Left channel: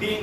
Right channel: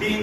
3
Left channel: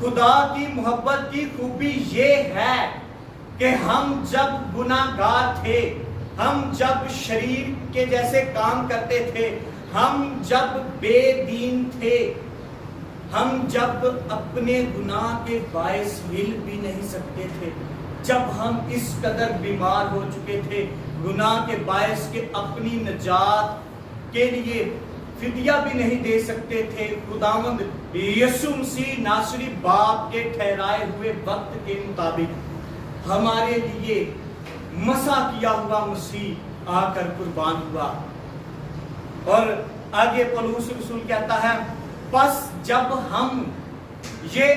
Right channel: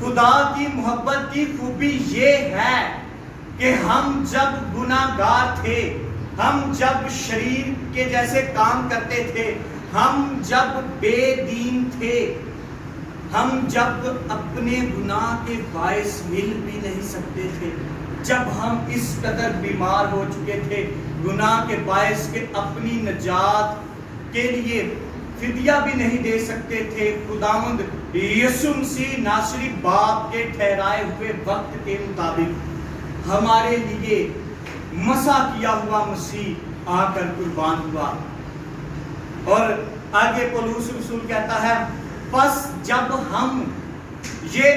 خدا کی محبت کی خوبی یہ ہے کہ ہم جب گناہگار تھے، ہم جب شریر کے جیسے کام کرتے تھے، ہم جب بے دین تھے، ہم جب اپنے گناہ کے باعث مل بھی نہیں سکتے تھے، جب ہم اس قدر بیمار ہو چکے تھے گناہ کے باعث کہ اپنی نجات کے لیے فدیہ بھی نہیں دے سکتے تھے، خداوند یسوع مسیح ناصری باپ کے ٹھہرائے ہوئے وقت کے مطابق ہمارے لیے مسح کیا ہوا مسیح آ کر قربان ہوا۔ اور آگے پولس رسول کہتا ہے بس جب ہم یہ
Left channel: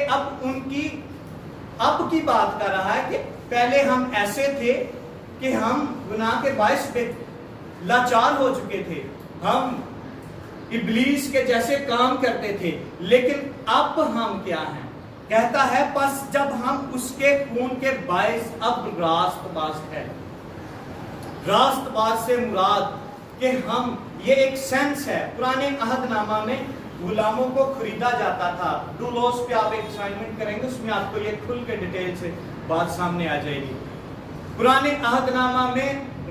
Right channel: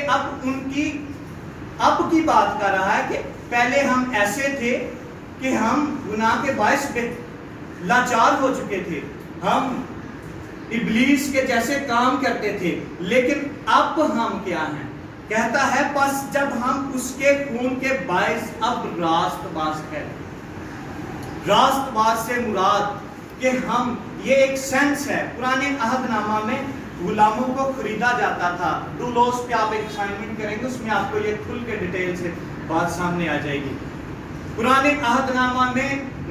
اب کی بات کر رہا ہے کہ پہلے ہم ایسے تھے کہ ہم گناہ کے باعث لاچار ہو چکے تھے، ہم ابلیس کے جیسے کام کرتے تھے، لیکن اب ہم کیا ہیں؟ کہتا ہے بس جب ہم اس کے خون کے باعث اب راست باز ہے۔ راست باز سے مراد کہ ہم، یہ ایک سینس ہے، پرانے عہد نامہ میں غلاموں کو خریدا جاتا تھا۔ ڈولوس پہ آپ ایک اسائنمنٹ کریں گے، اس میں آپ کو یہ کھل کے ڈیٹیل سے بات سامنے آ جائے گی۔ پرانے عہد نامہ میں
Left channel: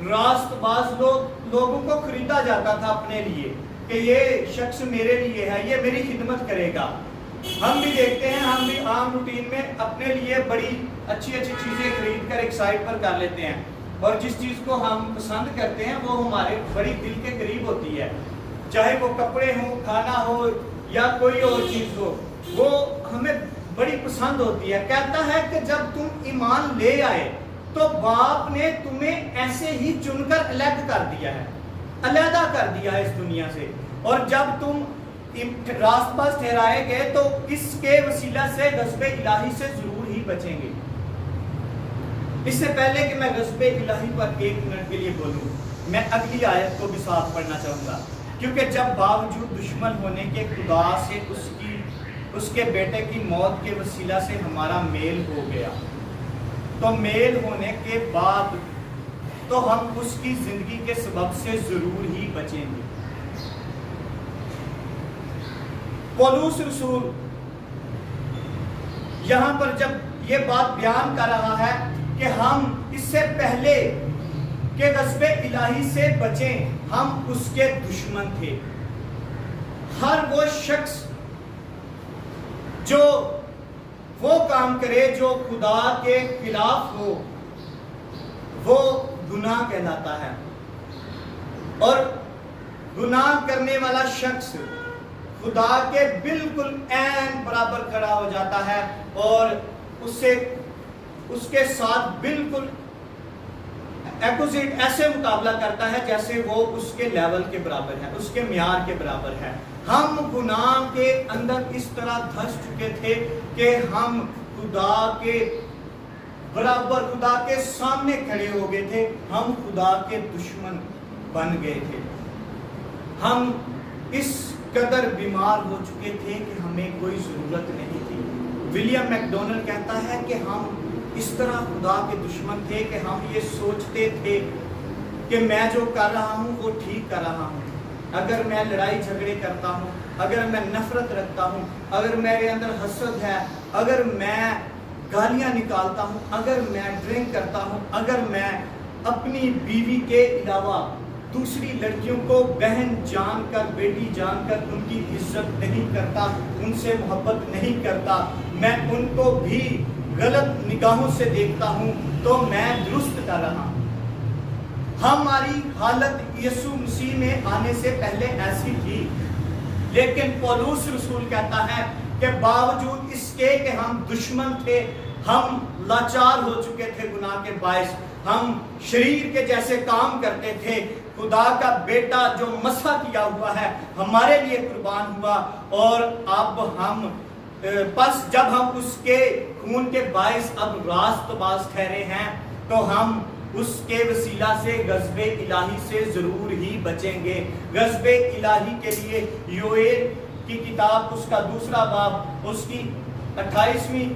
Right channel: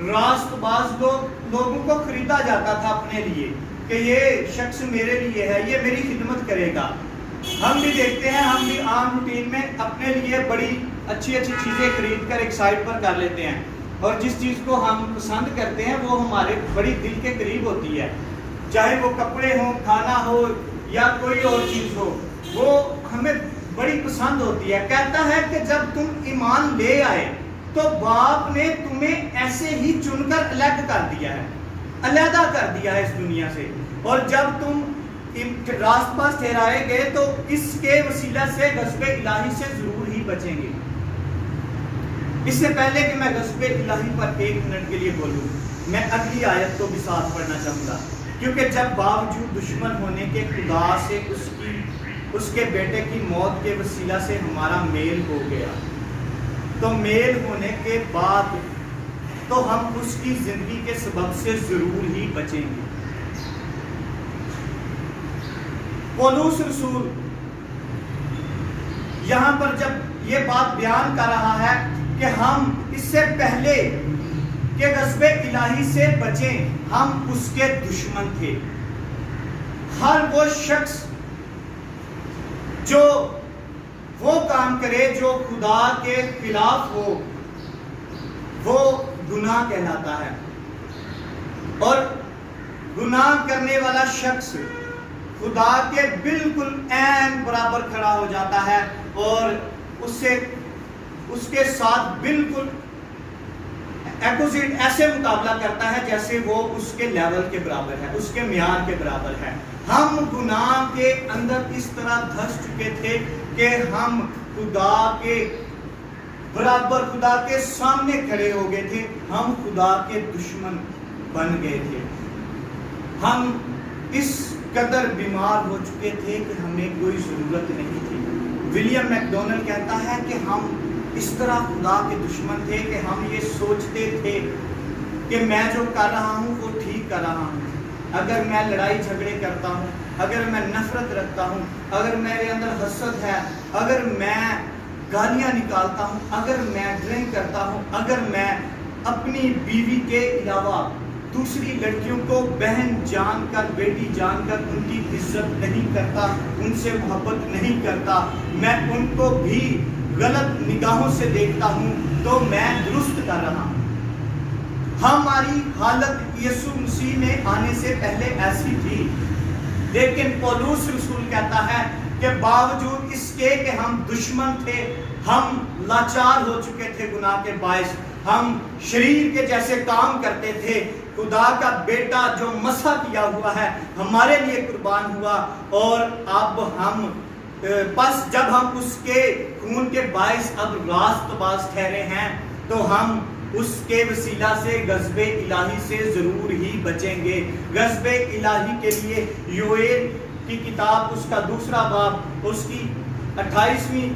راست باز لوگوں کو خریدا جاتا تھا اپنے لیے کہ یہ شخص میرے لیے ہے، یہ میری خدمت کرے گا۔ ہم بھی دیکھتے ہیں، ہم بھی عام روٹین میں اپنے لیے بڑی اچھی چیزیں خرید کر ایک سائٹ پر کر لیتے ہیں، اور جس چیز کو ہم پسند کرتے ہیں وہ ہمارے بڑی دل کے قریب ہوتی ہے، چاہے وہ کپڑے ہوں، کھانا ہو یا کوئی اور چیز ہو، وہ ہمیں بڑی پسند ہوتی ہے۔ کہتا ہے کہ جب تم ایمان لے آئے تو باپ نے تمہیں ایسے ہی چن کر الگ کر دیا ہے، علیحدہ کر دیا ہے اس دنیا سے، اور جب تم راست باز ٹھہرائے گئے تو اس کے وسیلہ سے غضب الہی سے ضرور ہی بچیں گے۔ اس سے پہلے کہ میں غضب الہی پر ایک منٹ کے لیے بولوں، میں اگلی آیت کو بھی ساتھ پڑھنا چاہوں گا، کیونکہ جب باوجود دشمن ہونے کے خدا سے اس کے بیٹے کی موت کے وسیلہ سے ہمارا میل ہو گیا، تو میل ہونے کے بعد تو ہم اس کی زندگی کے سبب سے ضرور ہی بچیں گے۔ پولس رسول یہاں پر جب یہ بات بیان کر رہا ہے کہ ہم اس سے پہلے کہ غضب الہی سے بچیں، ہم اس کے دشمن تھے۔ ہر وہ شخص جو وہ کام کرے جو خدا کے خلاف ہو، وہ گناہ کہلاتا ہے، اور گناہ کرنے والا شخص خدا کے بالکل عین برابر کھڑا ہو جاتا ہے اور اس کے ساتھ بالکل اپوزٹ ایسے مقابلہ کرتا ہے جیسے وہ اس کے لیول کے برابر ہے، اس کے معیار کے برابر ہے۔ ہم گناہ کے اندر اس طرح دھس چکے تھے کہ ہم خدا کے برابر، خدا کے سامنے کھڑے ہو گئے تھے، ہم خدا کے دشمن بن گئے تھے۔ ہم اس قدر بیمار ہو چکے تھے کہ ہمیں کوئی ضرورت نہیں تھی۔ ولیم میکڈونلڈ کہتا ہے کہ ہم اس طرح خدا کے دشمن تھے کہ ہم یہ سوچتے تھے کہ میں جو کر رہا ہوں وہ ٹھیک کر رہا ہوں، اگر میں لڑائی جھگڑے کرتا ہوں، اگر میں نفرت رکھتا ہوں، اگر میرے اندر حسد ہے، اگر میں گالیاں نکالتا ہوں، اگر میں ڈرنک کرتا ہوں، اگر میں اپنی بیوی کے علاوہ دوسری لڑکیوں کو بہن جان کر، بیٹی جان کر ان کی عزت نہیں کرتا، ان سے محبت نہیں کرتا، میں ان کو بھی غلط نگاہوں سے دیکھتا ہوں، تو میں درست کر رہا ہوں۔ ہماری حالت یسوع مسیح میں آنے سے پہلے ایسی تھی، لیکن پولس رسول کہتا ہے کہ باوجود اس کے کہ ہم دشمن تھے، ہم لاچار ہو چکے تھے گناہ کے باعث، ہم شریر کے جیسے کام کرتے تھے، خدا کا بیٹا جو مسح کیا ہوا ہے ہمارے لیے قربان ہوا، اور اب ہم پس جب ہم اس کے خون کے باعث اب راست باز ٹھہرے ہیں، تو ہم اس کے وسیلہ سے غضب الہی سے ضرور ہی بچیں گے۔ غضب الہی کے لیے یوئیل کی کتاب اس کا 2 باب اس کی 28ویں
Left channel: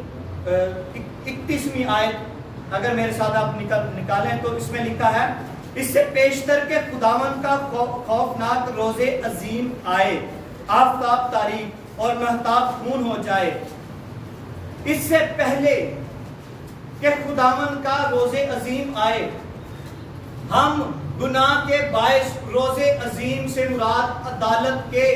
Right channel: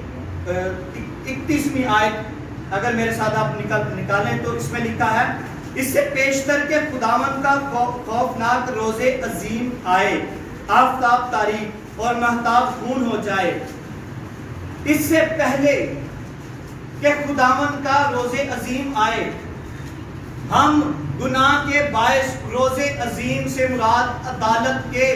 31ویں آیت اگر میرے ساتھ آپ نکالیں تو اس میں لکھا ہے، اس سے پیشتر کے خداوند کا خوفناک روز عظیم آئے، آفتاب تاریک اور مہتاب خون ہو جائے، اس سے پہلے کہ خداوند کا روز عظیم آئے، ہم گناہ کے باعث روز عظیم سے مراد عدالت کے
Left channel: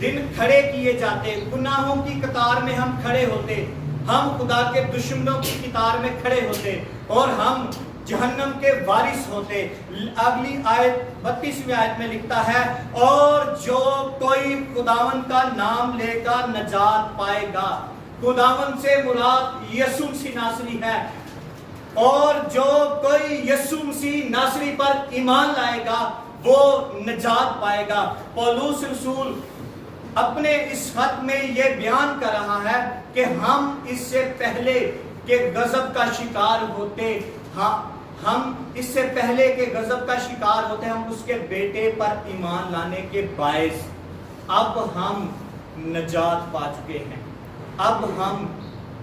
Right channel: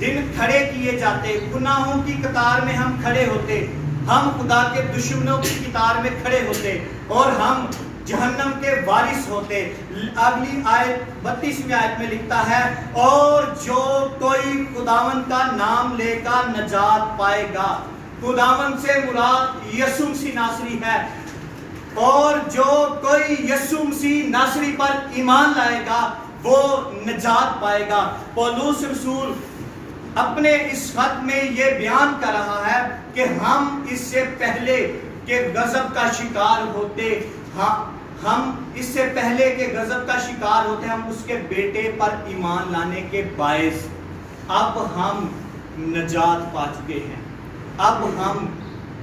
دن کھڑے کیے جاتے، گناہوں کی قطار میں ہم کھڑے ہوتے، ہم خدا کے دشمنوں کی قطار میں کھڑے ہوتے اور ہم جہنم کے وارث ہوتے۔ اگلی آیت 32ویں آیت میں لکھتا ہے، اور جو کوئی خداوند کا نام لے کر نجات پائے گا۔ خداوند سے مراد یسوع مسیح ناصری ہے، اور جو کوئی یسوع مسیح ناصری پر ایمان لائے گا وہ نجات پائے گا۔ پولس رسول اپنے اس خط میں یہ بیان کر رہا ہے کہ ہم اس سے پہلے کہ غضب کا شکار ہوتے، ہم اس سے پہلے کہ غضب کا شکار ہوتے، ہم اس کے بیٹے پر ایمان لانے کے باعث اب ہم نجات پا چکے ہیں۔ اب ہم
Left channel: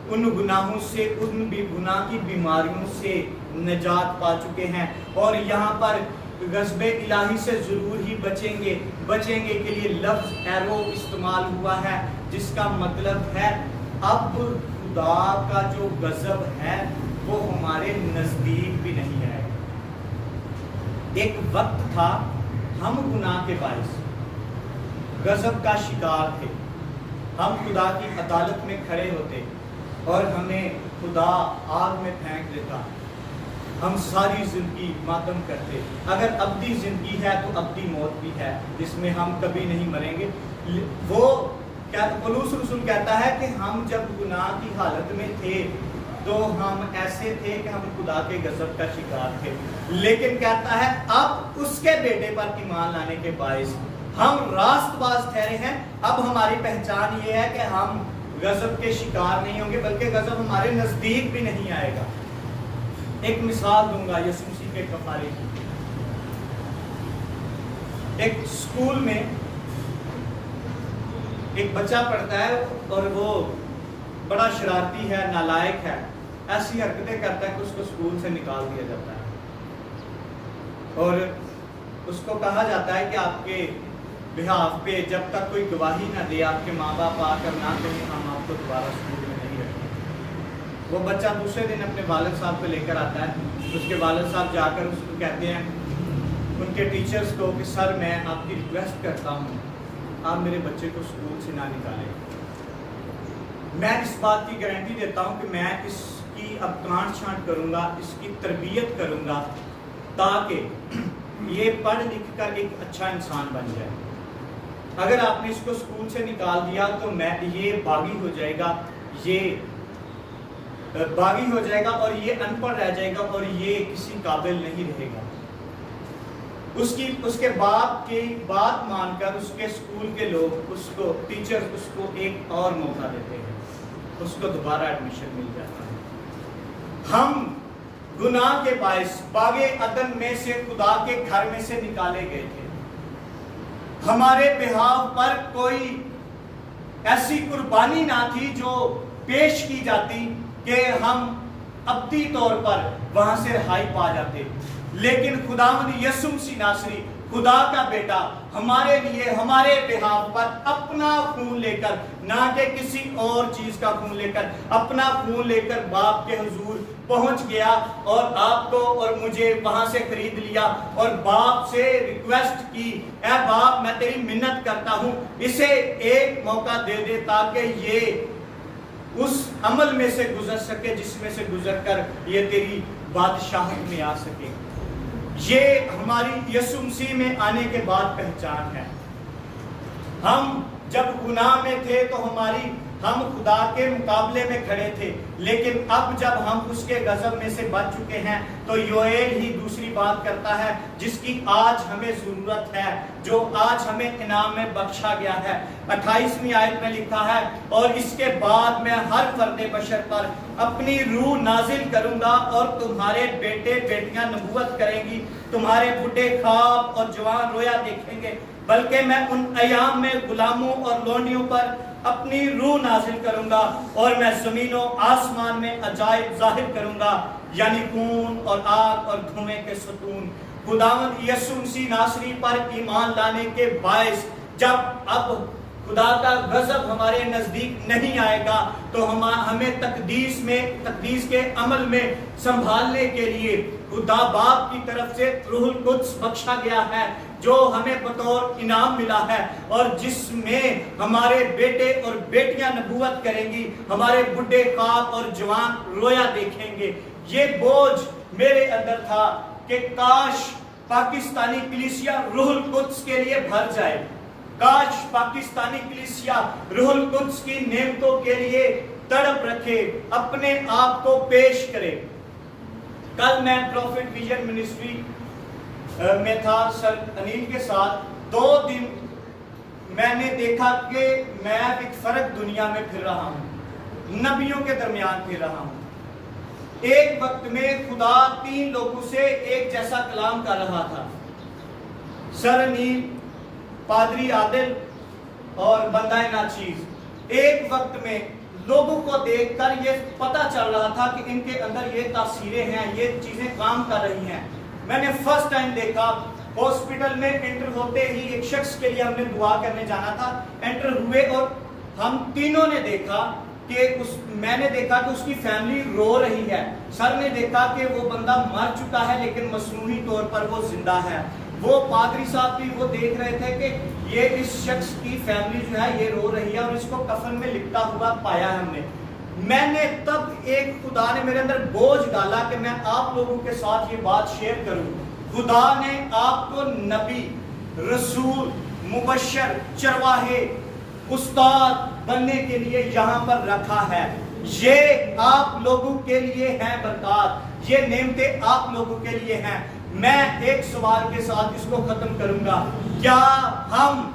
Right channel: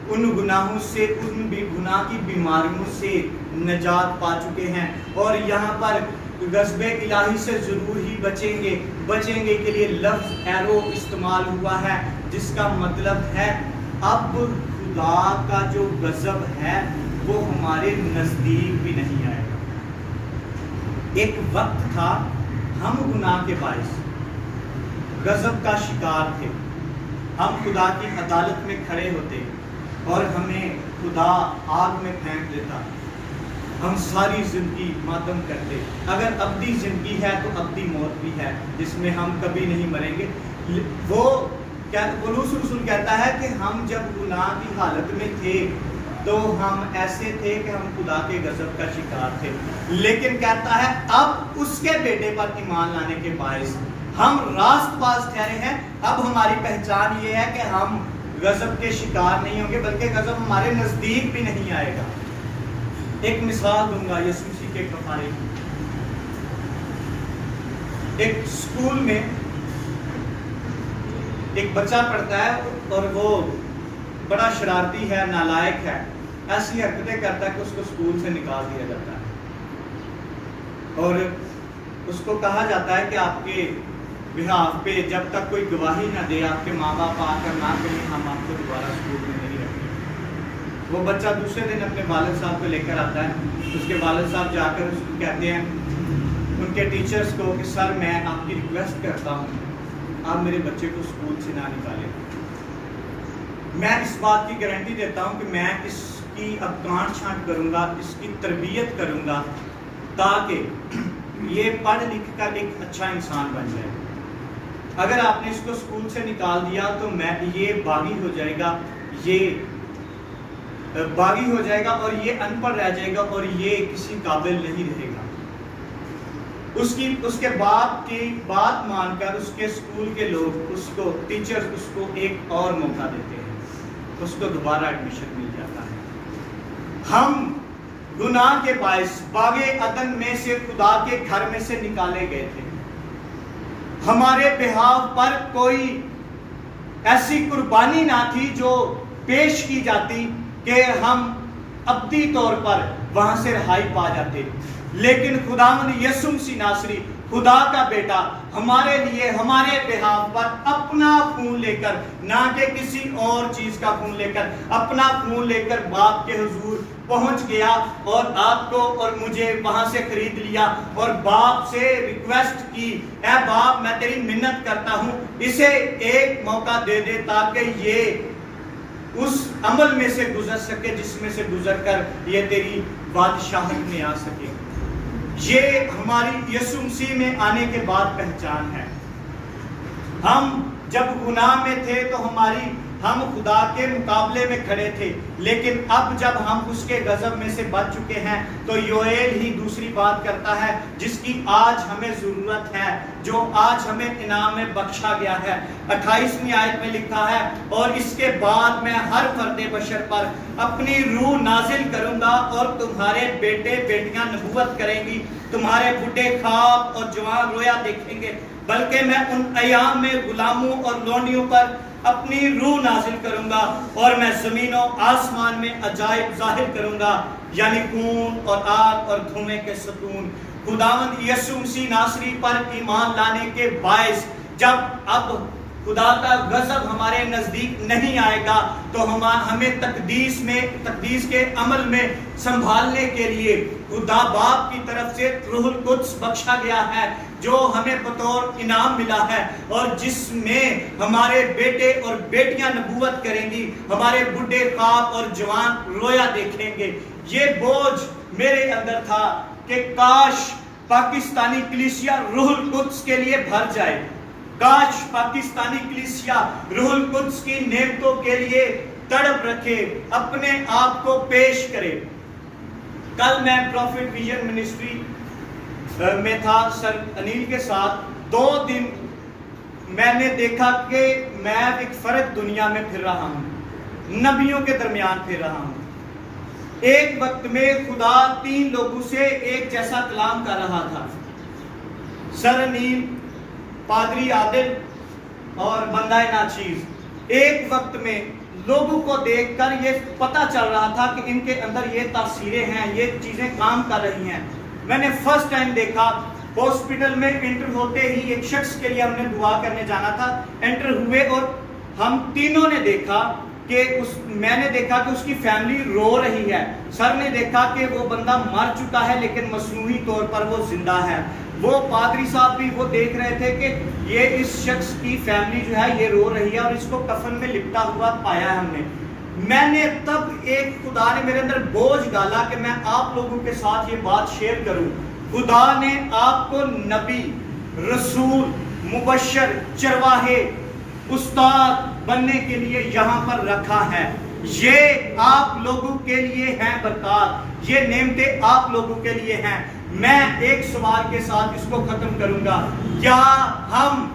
ان گناہوں سے، ان بھی گناہ کی بیماریوں سے نجات پا چکے ہیں، اور یہاں پر غضب الہی سے ضرور ہی بچیں گے کے لیے لفظ ایرو استعمال ہوا ہے، جس کا مطلب ہے اب خدا کا جو غضب ہے وہ ہمارے نزدیک بھی نہیں آئے گا۔ ایک وقت تھا ہم گناہ کے باعث غضب کا شکار تھے، ہم خدا کی عدالت میں کھڑے ہوتے اور ہمیں خدا آگ میں پھینک دیتا، ہم ساری زندگی ماتم کرتے۔ اگر ابدی زندگی ہے تو ابدی موت بھی ہے، جس میں ہم کبھی نہیں مریں گے۔ وہ پولس رسول کہتا ہے کہ ہم جب گناہ کی حالت میں تھے تو ہم ایسے تھے کہ ہم خدا کے غضب کا شکار تھے، لیکن کہتا ہے اب اس کے بیٹے پر ایمان لانے کے باعث ہم راست باز ٹھہرے ہیں۔ اب ہماری پہچان یہ ہے کہ ہم غضب کے شکار نہیں ہوں گے، بلکہ غضب ہمارے نزدیک بھی نہیں آئے گا۔ ایک مثال دوں گا یسوع مسیح کے کفارے کی۔ ایک اسکول میں ایک بچہ پڑھتا ہے اور وہ بڑا شرارتی ہے، نالائق ہے، ایسی حرکتیں کرتا ہے کہ اس کو اسکول سے نکال دیا جاتا ہے، اور اس کو کہا جاتا ہے کہ آپ کے بہاف پہ جب تک کوئی گواہی نہ دے، آپ کے ماں باپ آ کر نہ کہیں، ہم آپ کو دوبارہ اسکول میں نہیں رکھیں گے۔ وہ بچہ دوسرے دن اپنے والد صاحب کو لے کر آتا ہے، اس کے والد صاحب جا کر اس کو کہتے ہیں ان کے ٹیچرز کو کہ سر میں آپ کی ریکویسٹ کرتا ہوں آپ میرے بچے کو اسکول سے نہ نکالیں۔ میں اس بات کی گارنٹی دیتا ہوں کہ میں اس کی اب کانٹ چھانٹ کروں گا، اس کی تربیت کروں گا تاکہ یہ پڑھ لکھ کر ایک اچھا انسان بن جائے۔ اگر آپ نے اس کو اسکول سے نکال دیا تو یہ باغی ہو جائے گا، یہ باغی ہو جائے گا اور یہ ان پڑھ رہ جائے گا اور یہ کسی قابل نہیں رہے گا۔ اس کے بعد کی بات مان کر اس کے اسکول کے لوگ اس کو ٹیچر اس کو ایک اور موقع دیتے ہیں، اس کو دوبارہ ایڈمیشن مل جاتا ہے۔ ہم گناہ کے باعث باغ عدن میں سے خدا کے گھر میں سے نکالے گئے تھے۔ ہمارے بہاف پر کوئی ایسی قربانی نہ تھی جو پیش کی جاتی کہ ہم ابدی طور پر وہاں سے رہائی پا جاتے، لیکن خداوند یسوع مسیح ناصری خدا کا بیٹا ہمارے لیے ہمارے بہاف پر اپنا خون لے کر، نہ کہ کسی اور چیز کا خون لے کر، اپنا خون لے کر باپ کے حضور پہنچ گیا اور آپ کو اور مجھے وہاں سے خرید لیا، اور باپ سے ریکویسٹ کی، اے باپ میں تیری منت کرتا ہوں اسے ایک موقع دے دے تاکہ یہ اس عمل میں سے گزر سکے جس میں سے گزر کر یہ تیری بادشاہت میں آ سکے۔ یہ ہماری یسوع مسیح میں آنے کے بعد پہچان ہے۔ ہم جب گناہ میں تھے تو ہم خدا کے مقابلے میں کھڑے تھے، لیکن اب جب ہم اس کے غضب میں سے بچ چکے ہیں تو یوئیل ہی دوسری بات کرتا ہے جس کی آج ہمیں ضرورت ہے، جو آج ہمیں انعام میں بخشا گیا ہے۔ 28ویں آیت میں لکھا ہے، اور اس کے بعد میں ہر فرد بشر پر اپنی روح نازل کروں گا اور تمہارے بیٹے بیٹیاں نبوت کریں گی، تمہارے بڈھے خواب اور جوان رویا دیکھیں گے، بلکہ میں ان ایام میں غلاموں اور لونڈیوں پر اپنی روح نازل کروں گا، اور میں زمین و آسمان میں عجائب ظاہر کروں گا، یعنی خون اور آگ اور دھوئیں کے ستون۔ خداوند یسوع مسیح ناصری پر ایمان لانے کے باعث جب اب خدا کا غضب ہمارے نزدیک نہیں آئے گا، تو ہمیں تقدیس کے عمل میں سنبھالنے کے لیے خدا باپ کی طرف سے روح القدس بخشا گیا ہے، جو ہمیں بطور انعام ملا ہے، اور جس میں ہمارے بیٹے اور بیٹیاں نبوت کریں گی، ہمارے بڈھے خواب اور جوان رویا دیکھیں گے۔ یہ بوجھ میرے اندر تھا کہ کاش پاکستانی کلیسیا روح القدس کے لیے بھر جائے، کاش پاکستانی کلیسیا روح القدس کی نعمتوں کے لیے تڑپ رکھے، اپنے آپ کو پیش کرے۔ کل میں پروفٹ ویژن منسٹری میں تھا سر انیل کے ساتھ، 2 دن میں نے دیکھا کہ میں ایک فرق دنیا میں پھر رہا ہوں، نبیوں کے درمیان پھر رہا ہوں۔ ایک وقت میں خدا 3 لوگوں سے ایک جیسا کلام کر رہا تھا، سر انیل، پادری عادل اور بندہ ناچیز۔ ایک وقت میں لوگوں کو دیکھ کر یہ پتا چل رہا تھا کہ ان کے اندر یہ تاثیریں ہیں، یہ چیزیں کام کر رہی ہیں۔ میں نے فرسٹ ٹائم دیکھا، ہاسپٹل میں انٹر ہوتے ہی ایک شخص کے لیے ہم نے دعا کرنے جانا تھا، انٹر ہوئے اور ہم تینوں نے دیکھا کہ میں نے دیکھا کہ اس کی فیملی رو رہی ہے، سر نے دیکھا کہ وہ بندہ مر چکا ہے لیکن مصنوعی طور پر وہ زندہ ہے، وہ پادری صاحب بھی وہ دیکھ رہے تھے کہ یہ اس شخص کی فیملی جو ہے یہ رو رہی ہے اور اس کو کفن میں لپٹا ہوا پایا ہے ہم نے۔ میں نے تب ایک خدا نے میرے اندر بوجھ ڈالا کہ میں آپ لوگوں کے ساتھ یہ بات شیئر کروں۔ خدا نے آپ کو نبی، رسول، مبشر، چرواہے، استاد بننے کے لیے یہاں پر رکھا ہے۔ یہ آپ لوگوں کے لیے ہیں برکات، یہ نعمتیں آپ لوگوں کے لیے ہیں۔ میں ایک سوال کے ساتھ اس کو ختم کروں گا، کیا ہم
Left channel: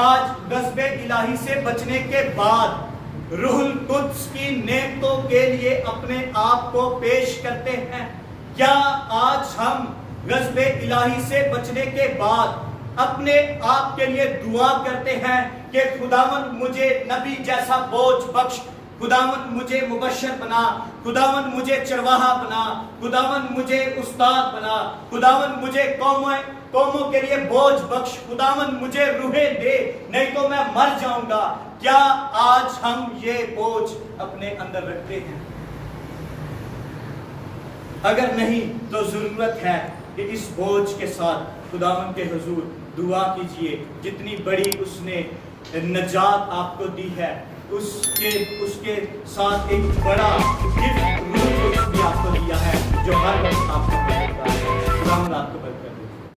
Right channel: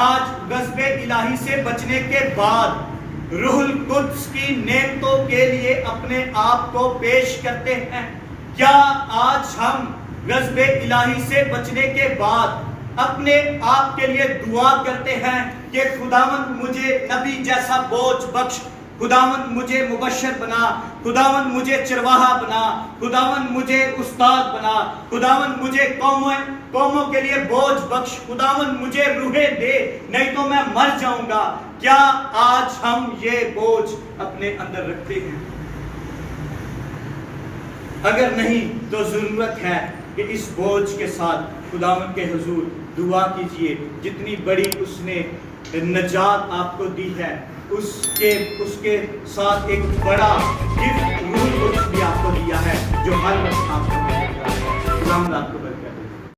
آج غضب الہی سے بچنے کے بعد روح القدس کی نعمتوں کے لیے اپنے آپ کو پیش کرتے ہیں؟ کیا آج ہم غضب الہی سے بچنے کے بعد اپنے آپ کے لیے دعا کرتے ہیں کہ خداوند مجھے نبی جیسا بوجھ بخش، خداوند مجھے مبشر بنا، خداوند مجھے چرواہا بنا، خداوند مجھے استاد بنا، خداوند مجھے قوموں کے لیے بوجھ بخش، خداوند مجھے روحیں دے، نہیں تو میں مر جاؤں گا؟ کیا آج ہم یہ بوجھ اپنے اندر رکھتے ہیں؟ اگر نہیں تو ضرورت ہے کہ اس بوجھ کے ساتھ خداوند کے حضور دعا کیجئے، جتنی بڑی اس نے نجات آپ کو دی ہے اس کے ساتھ ایک بڑا گفٹ بھی آپ کو دیا ہے جو ہر وقت آپ کو ملے گا۔ خداوند آپ کو